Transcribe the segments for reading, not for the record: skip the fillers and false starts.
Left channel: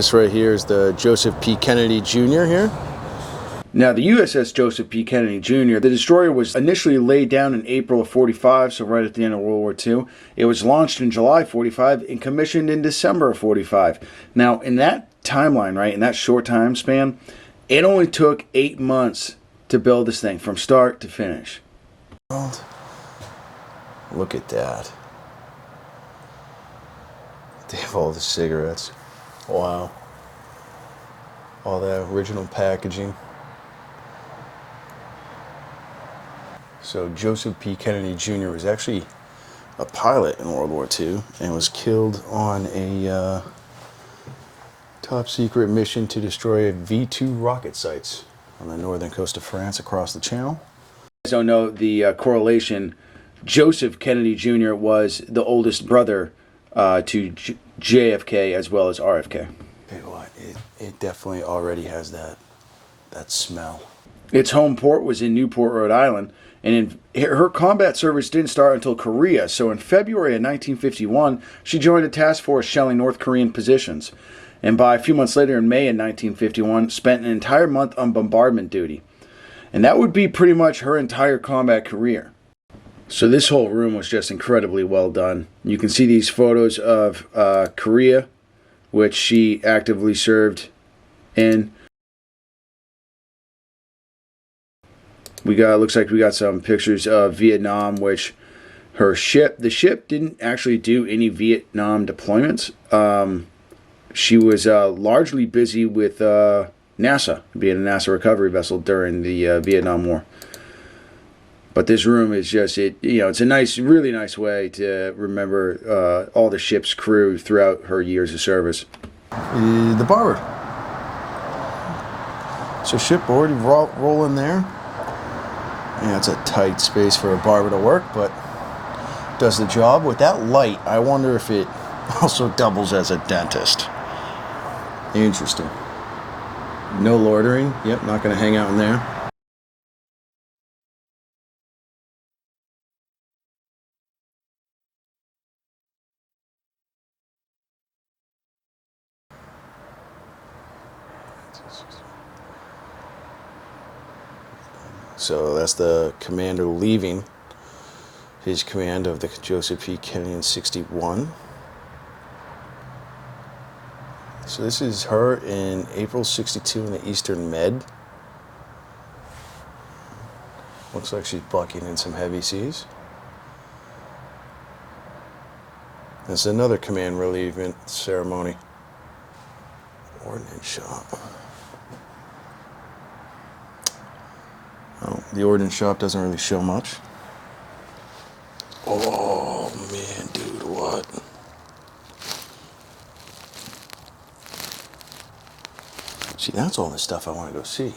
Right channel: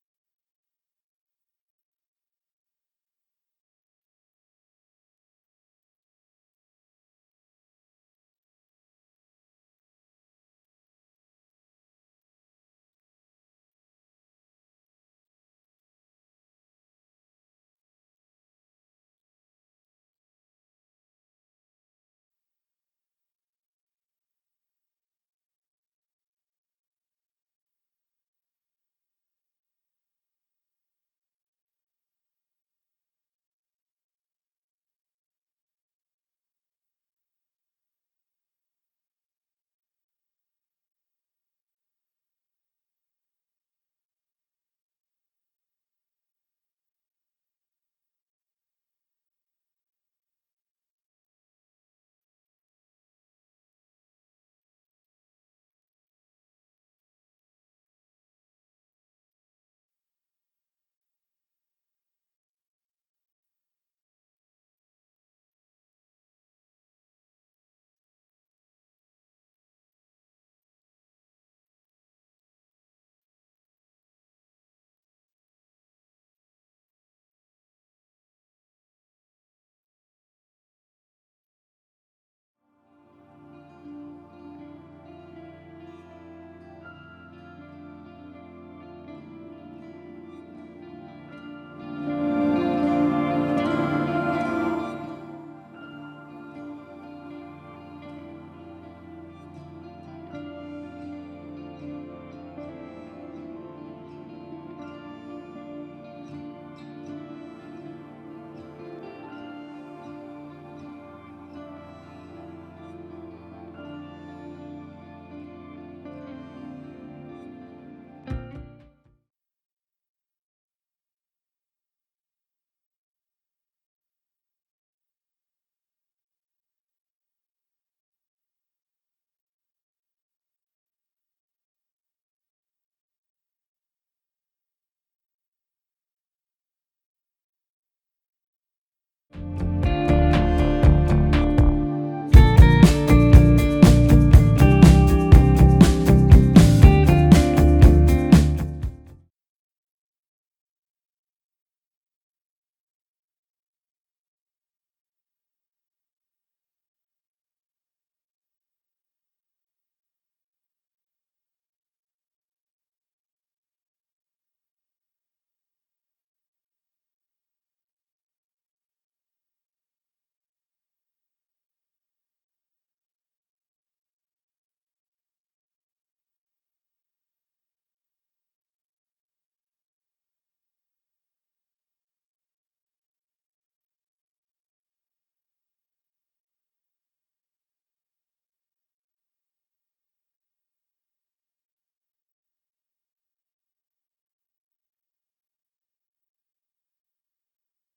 This right here is the Joseph P. Kennedy Jr. here. Now, the USS Joseph P. Kennedy Jr., the destroyer was initially laid down in April of 45, so right at the end of World War II. It was launched in July 45 and commissioned in December of 45. Now, in that timeline, right, in that short time span, it only took 8 months to build this thing from start to finish. Look at that. They have all the cigarettes. Wow. All that original packaging. So Joseph P. Kennedy Jr. was actually a pilot in World War II and was killed on a top secret mission to destroy V-2 rocket sites on the northern coast of France across the channel. You don't know the correlation. Joseph Kennedy Jr. was the oldest brother to JFK as well as RFK. It definitely already has that smell. Its home port was in Newport, Rhode Island, and her combat service didn't start until Korea. So in February of 1951, she joined a task force shelling North Korean positions. And by a few months later, in May of 1951, spent an entire month on bombardment duty. And that would be pretty much her entire combat career. So this whole room was just incredibly well done. You can see these photos of Korea, which she actively served in. Looks like we got some pictures of Vietnam, which the ship didn't actually do any Vietnam deployments. She was largely busy with NASA, being a NASA recovery vessel during the Vietnam War. But this room is just, it's a really nice way to remember all the ship's crew throughout her years of service. The Barbary. So shipboard, you roll in there. Yeah, it's a tight space for a barber to work, but does the job. With that light, I wonder if it also doubles as a dentist. Interesting. No loitering. Yep, not going to hang out in there. So that's the commander leaving his command of the Joseph P. Kennedy in 61. So this is her in April 62 in the Eastern Med. Looks like she's bucking in some heavy seas. That's another command relievement ceremony. Ordnance shop. Oh, the ordnance shop doesn't really show much. Oh man, dude, what? See, that's all the stuff I want to go see.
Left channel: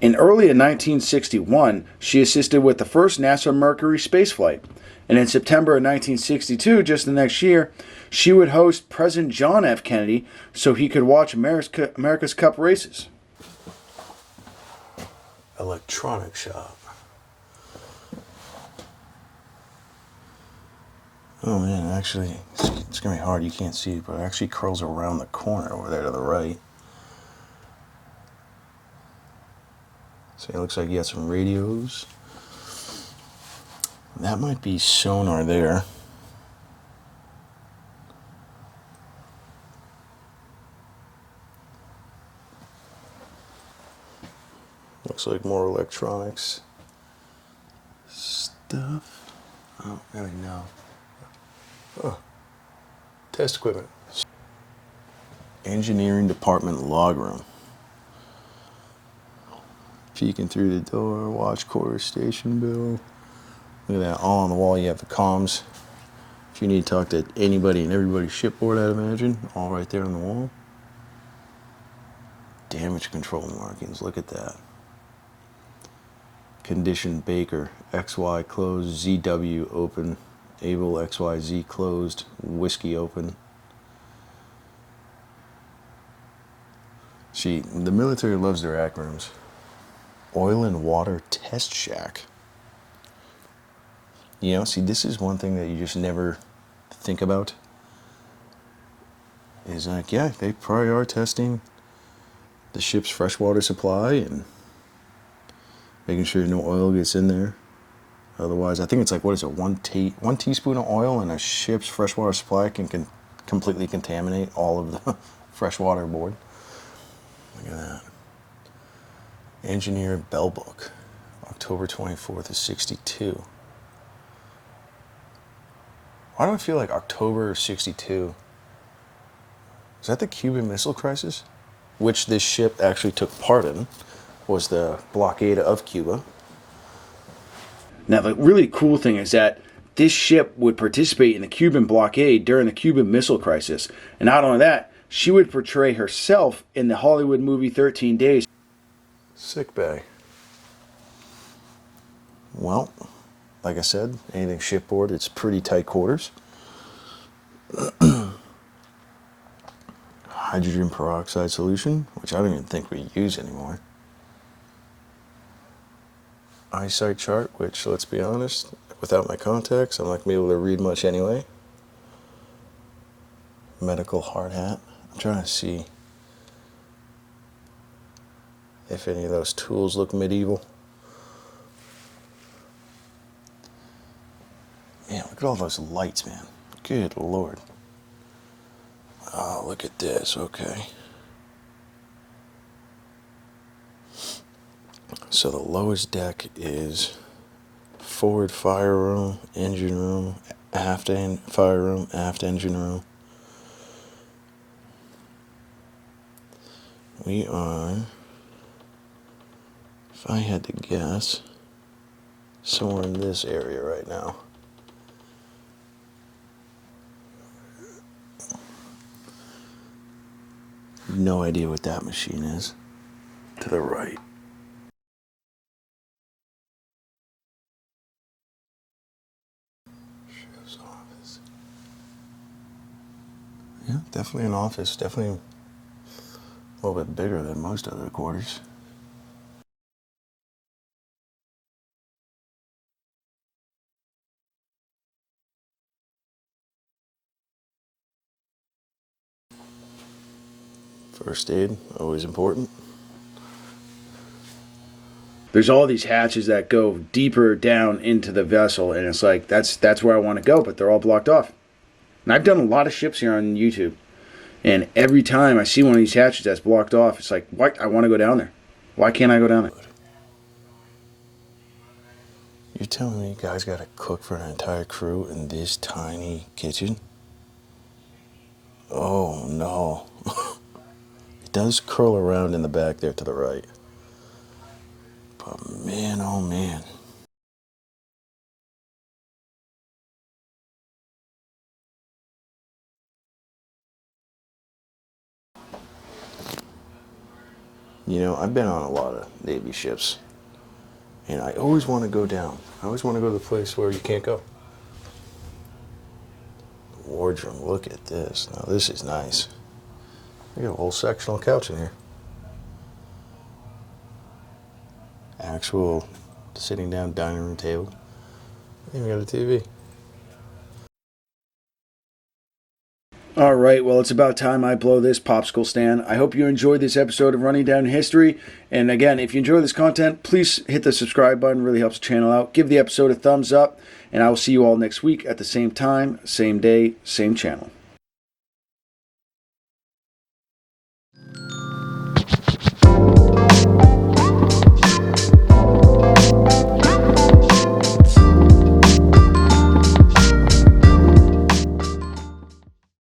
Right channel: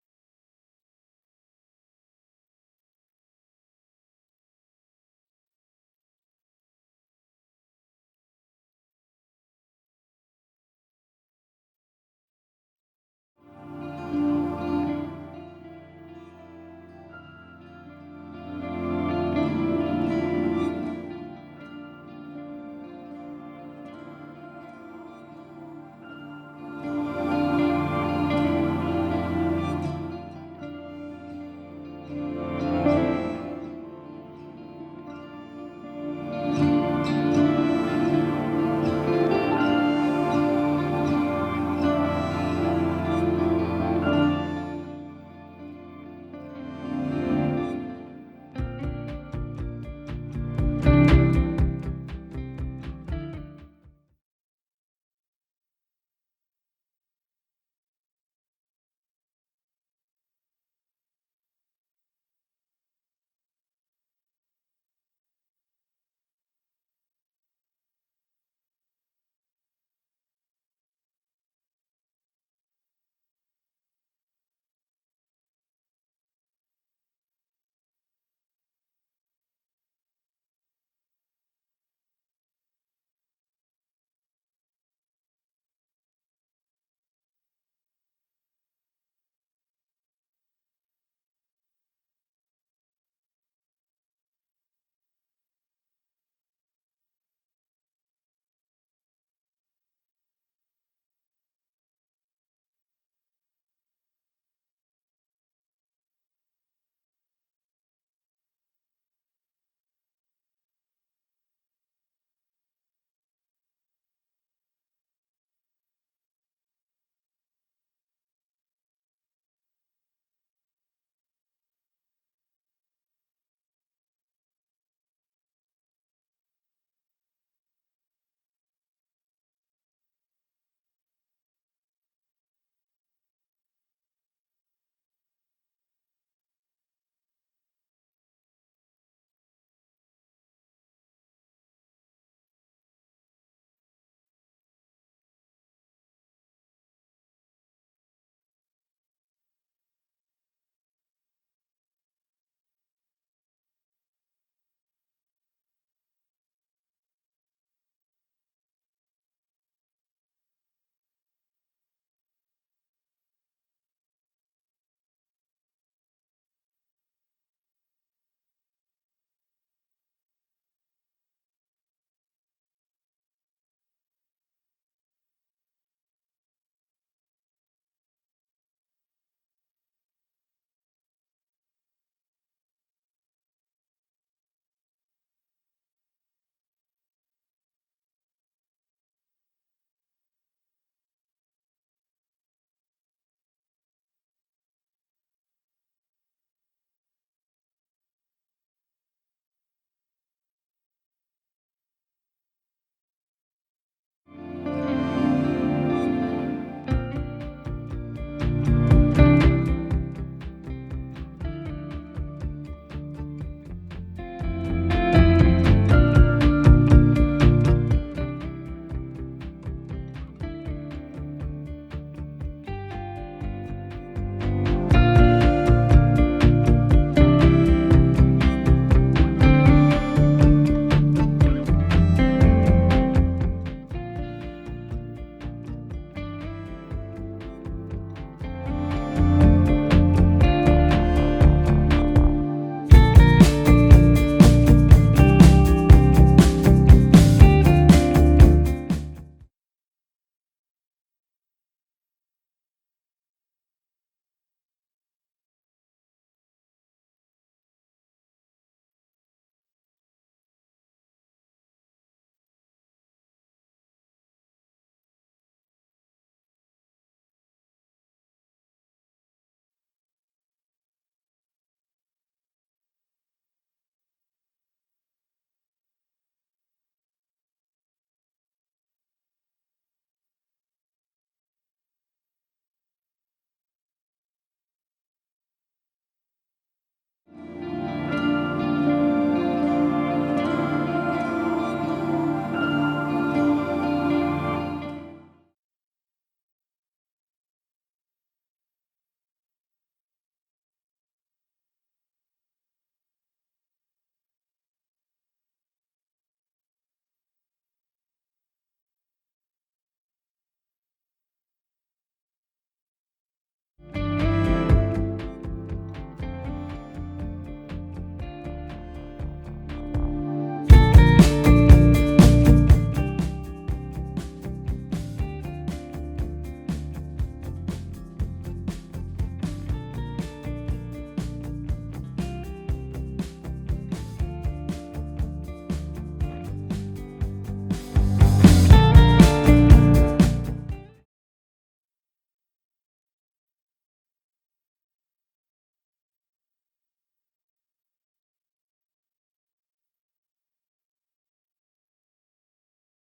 In early 1961, she assisted with the first NASA Mercury spaceflight. And in September of 1962, just the next year, she would host President John F. Kennedy so he could watch America's Cup races. Electronic shop. Oh man, actually, it's gonna be hard, you can't see it, but it actually curls around the corner over there to the right. So it looks like you got some radios. That might be sonar there. Looks like more electronics stuff. Oh, there we go. Oh, test equipment. Engineering department log room. Peeking through the door, watch quarter station bill. Look at that, all on the wall. You have the comms. If you need to talk to anybody and everybody's shipboard, I'd imagine, all right there on the wall. Damage control markings, look at that. Condition Baker, XY closed, ZW open, Able XYZ closed, Whiskey open. See, the military loves their acronyms. Oil and Water Test Shack. You know, see, this is one thing that you just never think about. Is like, yeah, they probably are testing the ship's freshwater supply and making sure no oil gets in there. Otherwise, I think it's like, what is it, one teaspoon of oil in a ship's freshwater supply can completely contaminate all of the freshwater aboard. Look at that. Engineer Bell Book, October 24th of 62. Why do I feel like October of 62? Is that the Cuban Missile Crisis? Which this ship actually took part in, was the blockade of Cuba. Now, the really cool thing is that this ship would participate in the Cuban blockade during the Cuban Missile Crisis. And not only that, she would portray herself in the Hollywood movie 13 Days. Sick bay. Well, like I said, anything shipboard, it's pretty tight quarters. Hydrogen peroxide solution, which I don't even think we use anymore. Eyesight chart, which, let's be honest, without my contacts, I'm not going to be able to read much anyway. Medical hard hat. I'm trying to see if any of those tools look medieval. Man, look at all those lights, man. Good Lord. Oh, look at this. Okay. So the lowest deck is forward fire room, engine room, aft fire room, aft engine room. We are, if I had to guess, somewhere in this area right now. No idea what that machine is. To the right. Yeah, definitely an office. Definitely a little bit bigger than most other quarters. First aid, always important. There's all these hatches that go deeper down into the vessel, and it's like, that's where I want to go, but they're all blocked off. And I've done a lot of ships here on YouTube, and every time I see one of these hatches that's blocked off, it's like, what? I want to go down there. Why can't I go down there? You're telling me you guys got to cook for an entire crew in this tiny kitchen? Oh, no. Does curl around in the back there to the right. But man, oh man. You know, I've been on a lot of Navy ships, and I always want to go down. I always want to go to the place where you can't go. Wardroom, look at this. Now this is nice. We got a whole sectional couch in here. Actual sitting down dining room table. And we got a TV. All right, well, it's about time I blow this popsicle stand. I hope you enjoyed this episode of Running Down History. And again, if you enjoy this content, please hit the subscribe button. It really helps the channel out. Give the episode a thumbs up. And I will see you all next week at the same time, same day, same channel.